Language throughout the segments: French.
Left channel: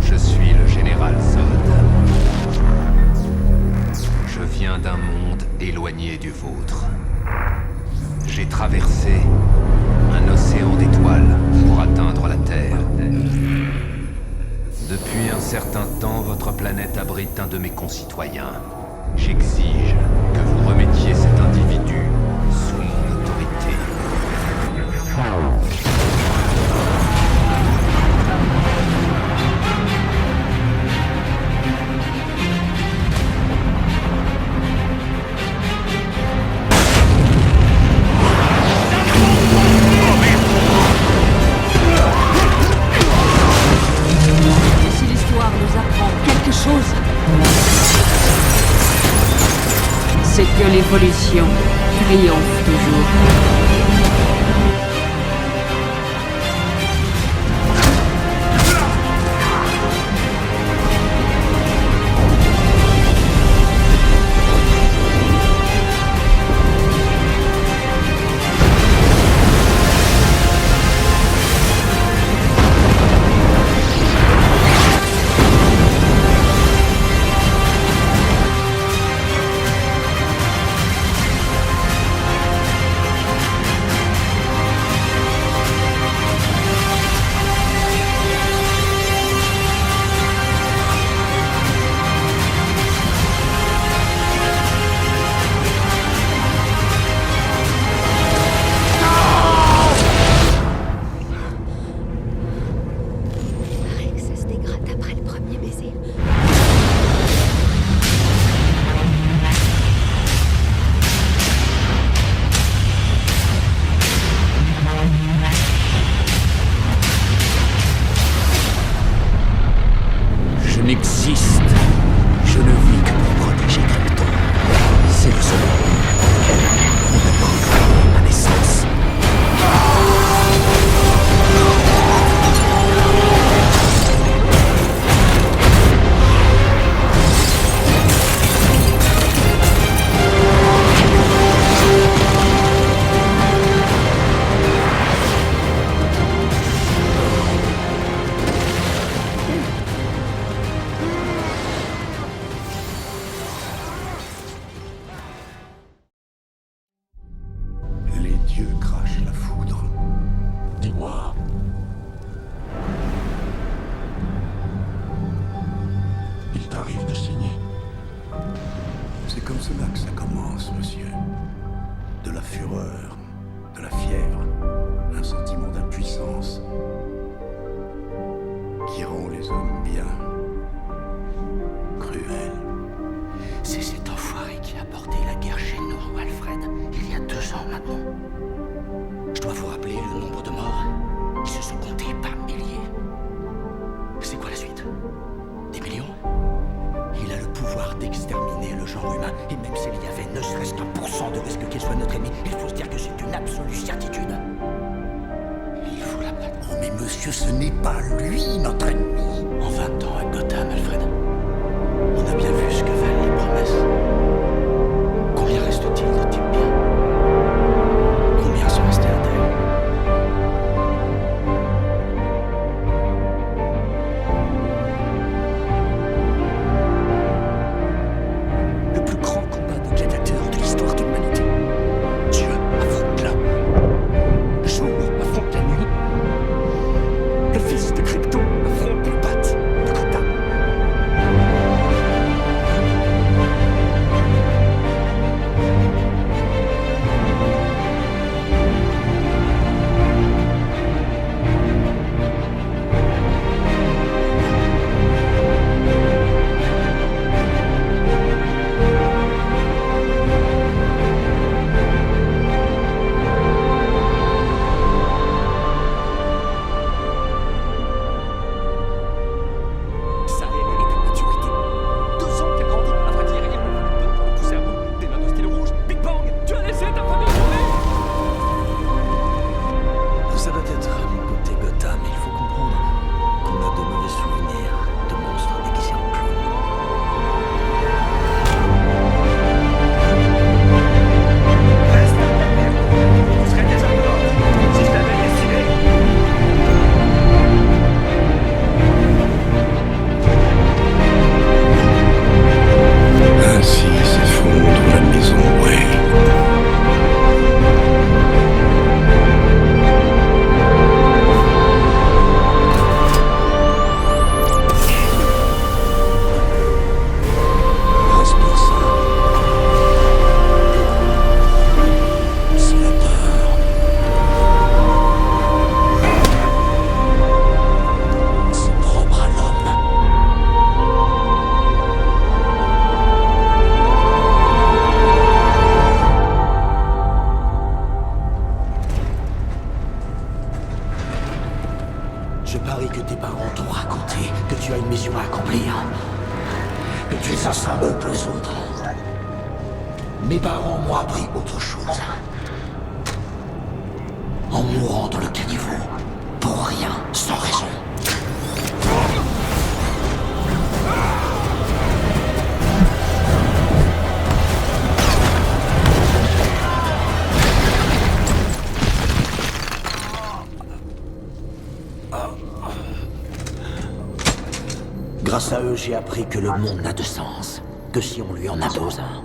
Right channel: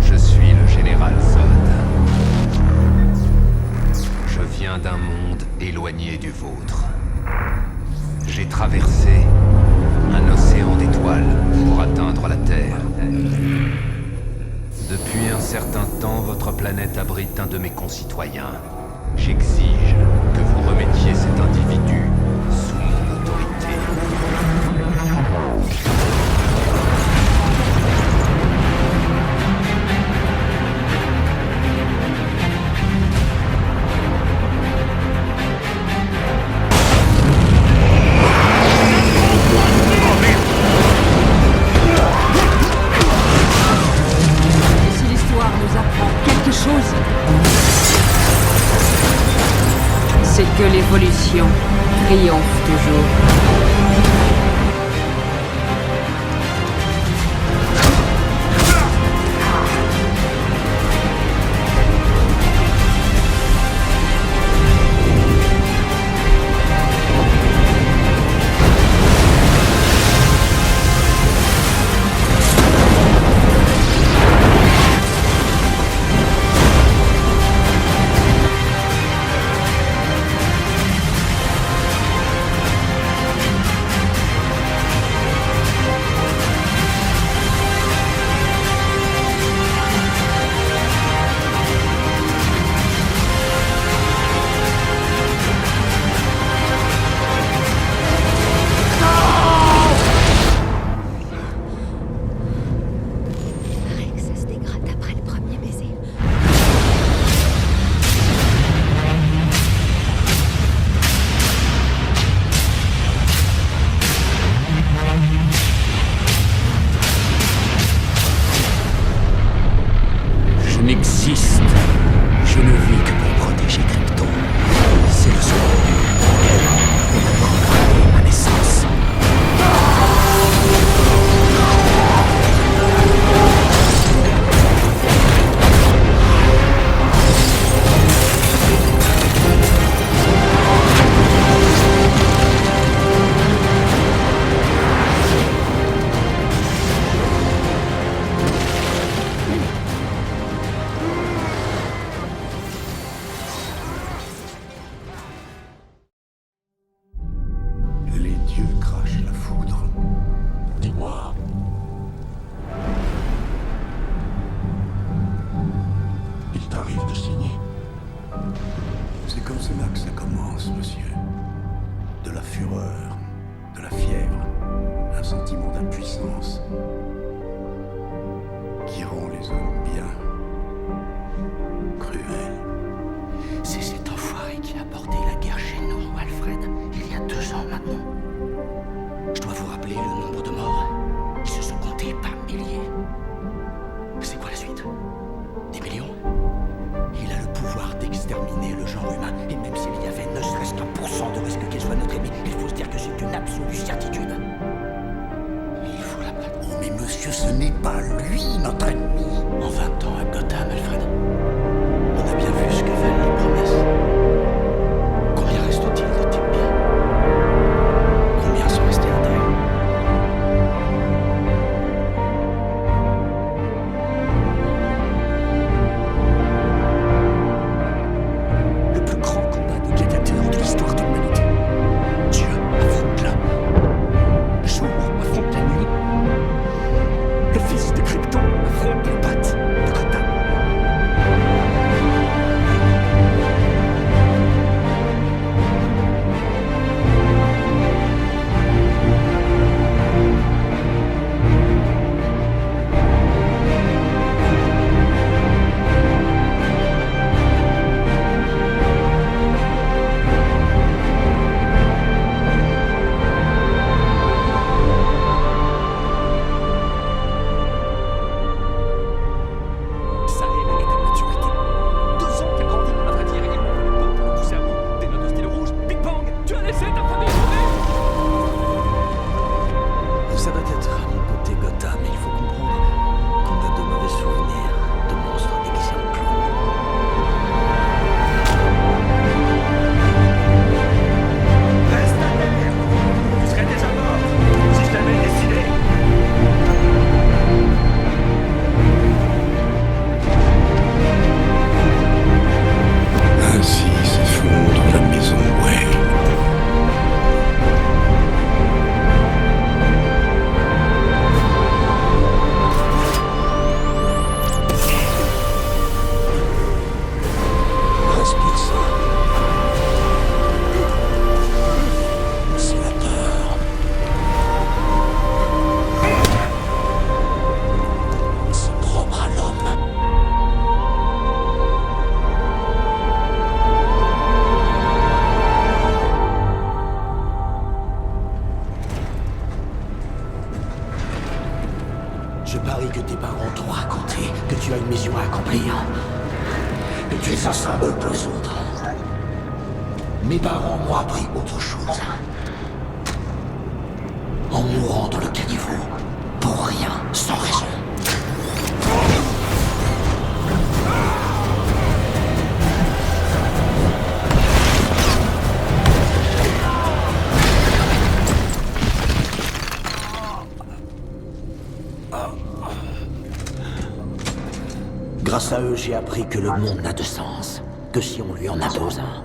Je suis le général Zod. Je viens d'un monde éloigné du vôtre. J'ai traversé un océan d'étoiles pour atteindre la Terre. Depuis un certain temps, votre planète abrite un de mes concitoyens. J'exige que vous remettiez cet individu sous mon autorité. Et si l'histoire nous apprend quelque chose, c'est que l'évolution triomphe toujours. Je n'existe. Je ne vis que pour protéger Krypton. C'est le seul but pour lequel on a programmé ma naissance. Les dieux crachent la foudre. Dis-moi. Il t'arrive de signer. C'est comme cela que ça commence, monsieur. De la fureur, de la fièvre, un sentiment d'impuissance qui rend les hommes bien cruels. C'est cet enfoiré qui a porté la guerre chez nous, Alfred, il y a 2 ans maintenant. Je dois vous rappeler le nombre de morts. Ils se sont comptés par milliers. C'est quoi la suite? Des millions? Il a le pouvoir d'exterminer le genre humain. Et même s'il y avait ne serait-ce qu'un % de risque qu'il soit notre ennemi, il faut se dire que c'est une absolue certitude. Il faut l'abattre. Oh mais monsieur, ce n'est pas lui notre ennemi. En 20 ans à Gotham, Alfred, on a bien vu ce que valent les promesses. Combien reste-t-il de types bien? Combien sont restés intègres? Le plus grand combat de gladiateurs de l'histoire de l'humanité. Dieu affronte l'homme. Le jour affronte la nuit. Le fils de Krypton affronte le bat de Gotham. mission à accomplir. Et tu es un symbole pour les autres. Mes parents m'ont appris autre chose. En mourant dans le caniveau, pour rien, sans raison. Grâce à eux, j'ai appris que le monde n'a de sens que si on lui en impose un.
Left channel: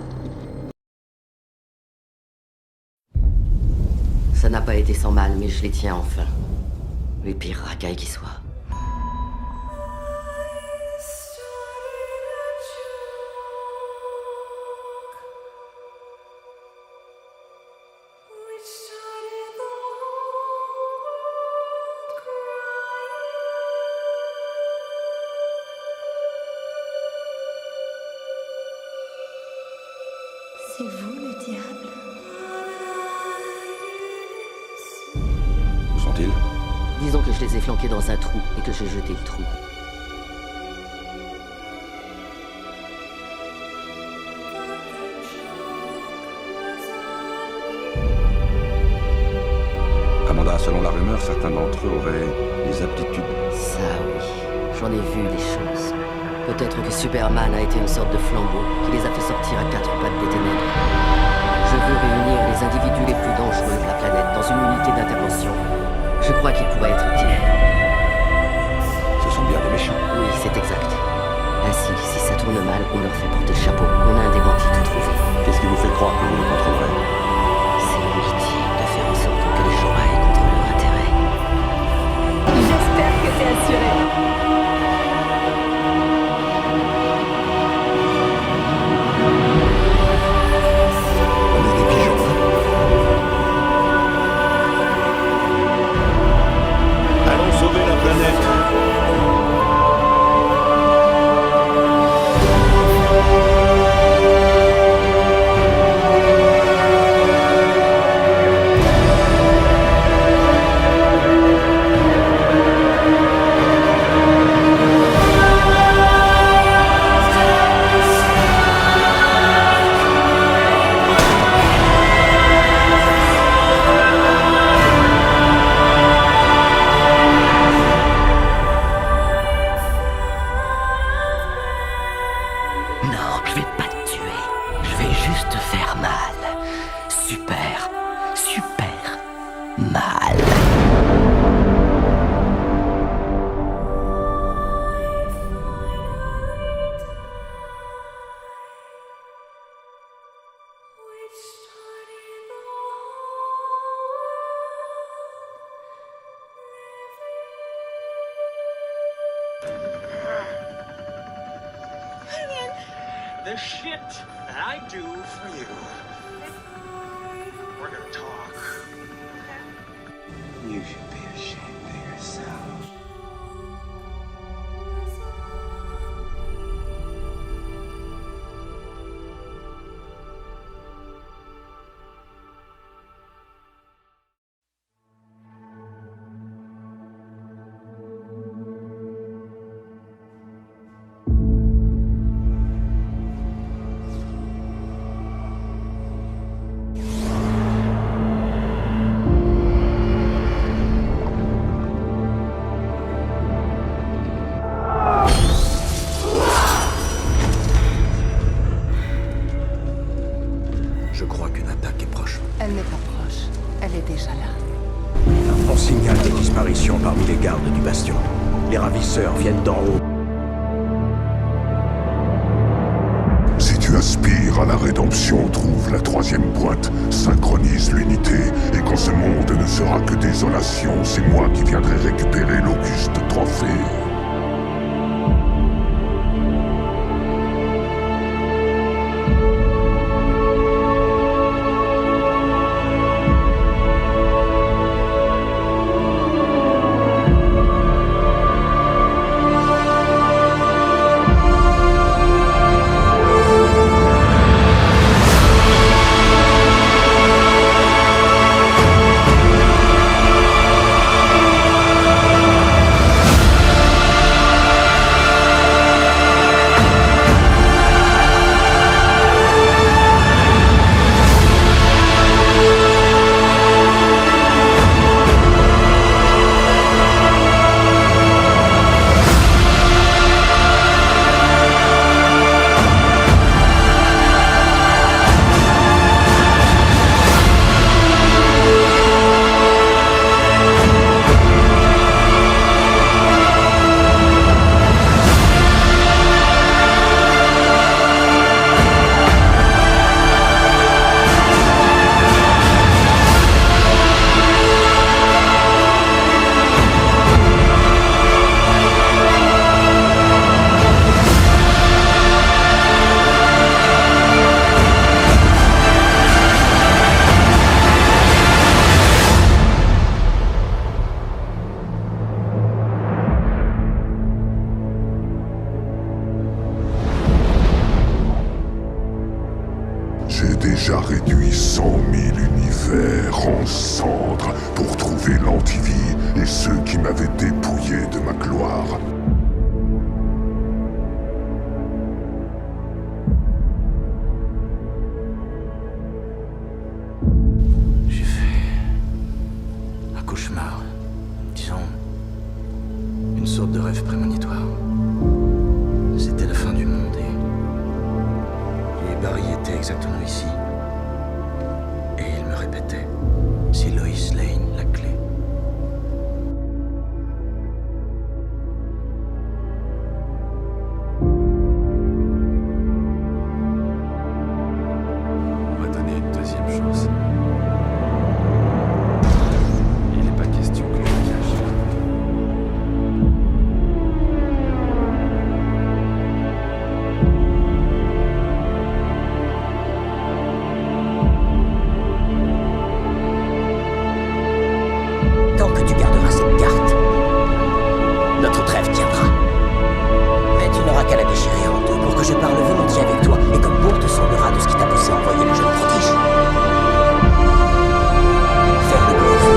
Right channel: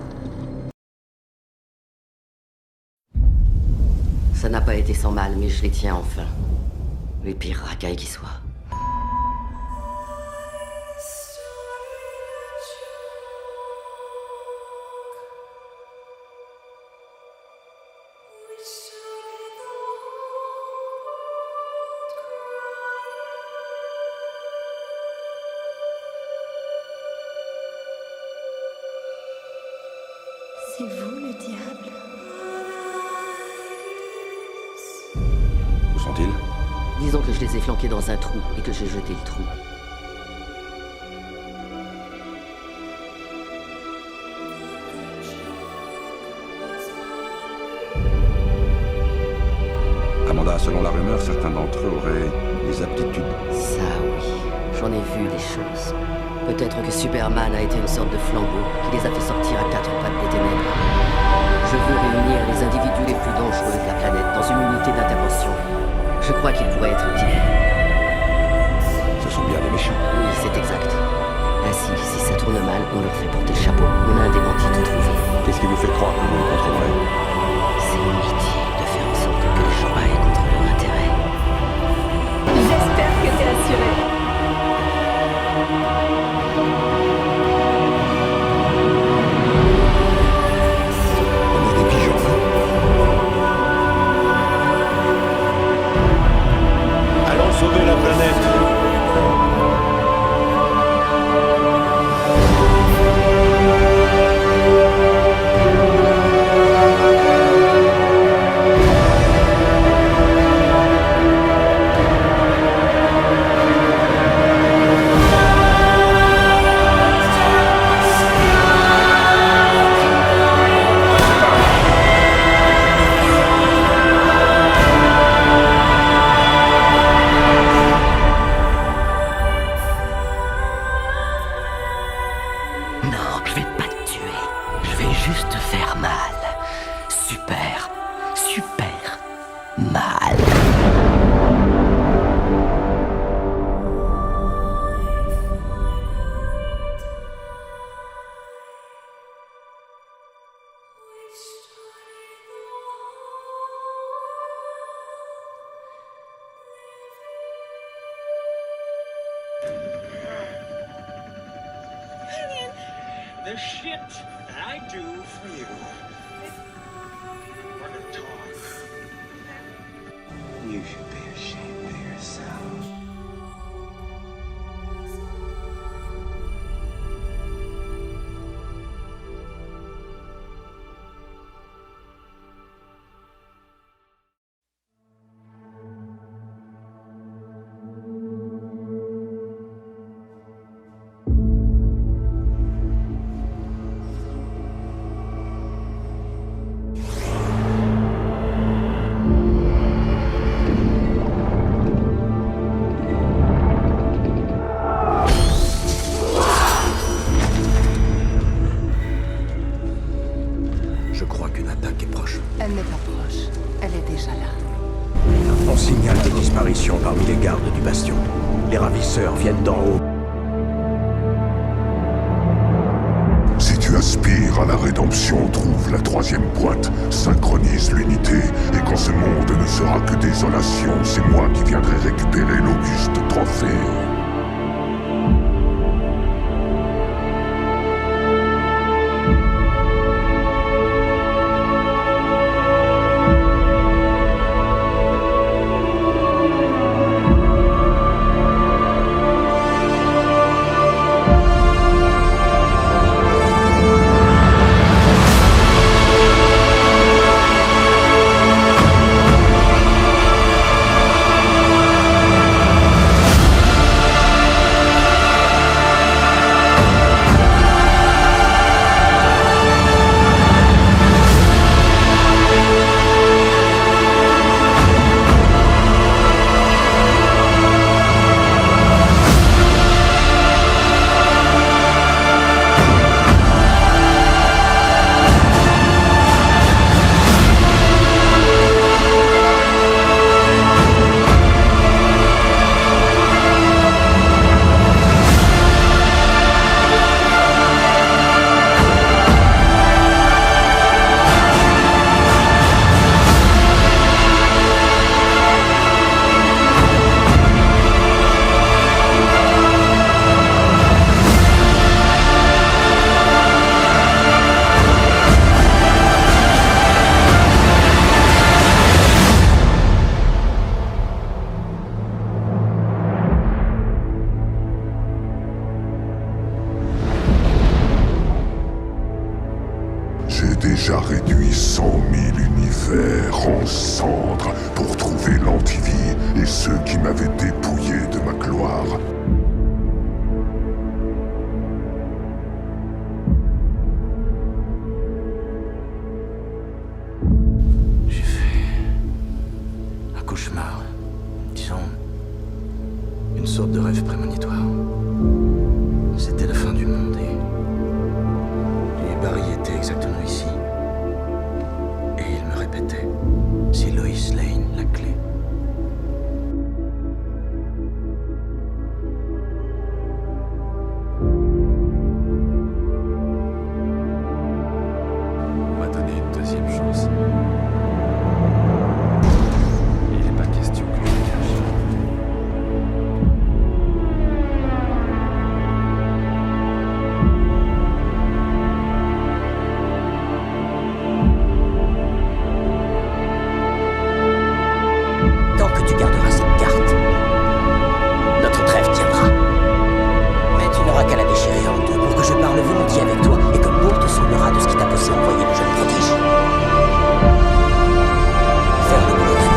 Ça n'a pas été sans mal, mais je les tiens enfin. Les pires racailles qui soient. C'est vous le diable? Où sont-ils? Disons que je les ai flanqués dans un trou et que j'ai jeté le trou. Amanda, selon la rumeur, certains d'entre eux auraient des aptitudes. Ça oui, j'en ai vu des choses. Peut-être que Superman a été une sorte de flambeau qui les a fait sortir à quatre pattes des ténèbres. Je veux réunir les individus les plus dangereux de la planète dans une unité d'intervention. Je crois qu'il pourrait être utile. Ce sont bien des méchants. Oui, c'est exact. Ainsi, si ça tourne mal, on leur fait porter le chapeau. On a un démenti tout trouvé. Qu'est-ce qui vous fait croire que vous les contrôlerez? C'est mon métier de faire en sorte que les gens aillent contre leur intérêt. J'espère que t'es assuré. On est des pigeons, hein? Allons sauver la planète. Non, je vais pas te tuer. Je vais juste te faire mal. Super, super mal. The shit that I do for you. We're gonna talk. You should be ashamed of yourself. Je crois qu'une attaque est proche. Elle n'est pas proche. Elle est déjà là. On signale des disparitions parmi les gardes du bastion. Les ravisseurs viennent d'en haut. Si tu aspires à la rédemption, trouve la troisième boîte, synchronise l'unité, et quand ce monde ne sera que désolation, c'est moi qui viendrai récupérer l'auguste trophée. déjà réduit 100 000 univers en cendres pour trouver l'antivie et ceux qui m'avaient dépouillé de ma gloire. J'ai fait un cauchemar, disons, une sorte de rêve prémonitoire. C'était la fin du monde et Barry était exactement ici. Et il me répétait, c'est Lois Lane la clé. On m'a donné une deuxième chance. Il n'est pas question que je le cache. Tant que tu garderas cette carte, notre trêve tiendra. Mais tu n'auras qu'à la déchirer en deux pour que je parle volontiers avec toi et que Bourg te semblera de ce qui t'a poussé à envoyer le jeune prodige. Faire le boulot